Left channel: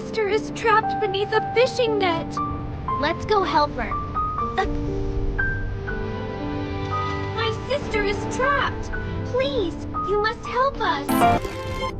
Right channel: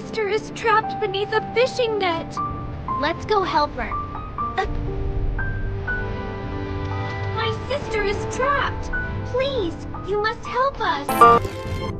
sister is trapped beneath a fishing net. Let's go help her. My sister is trapped. Please, you must help us.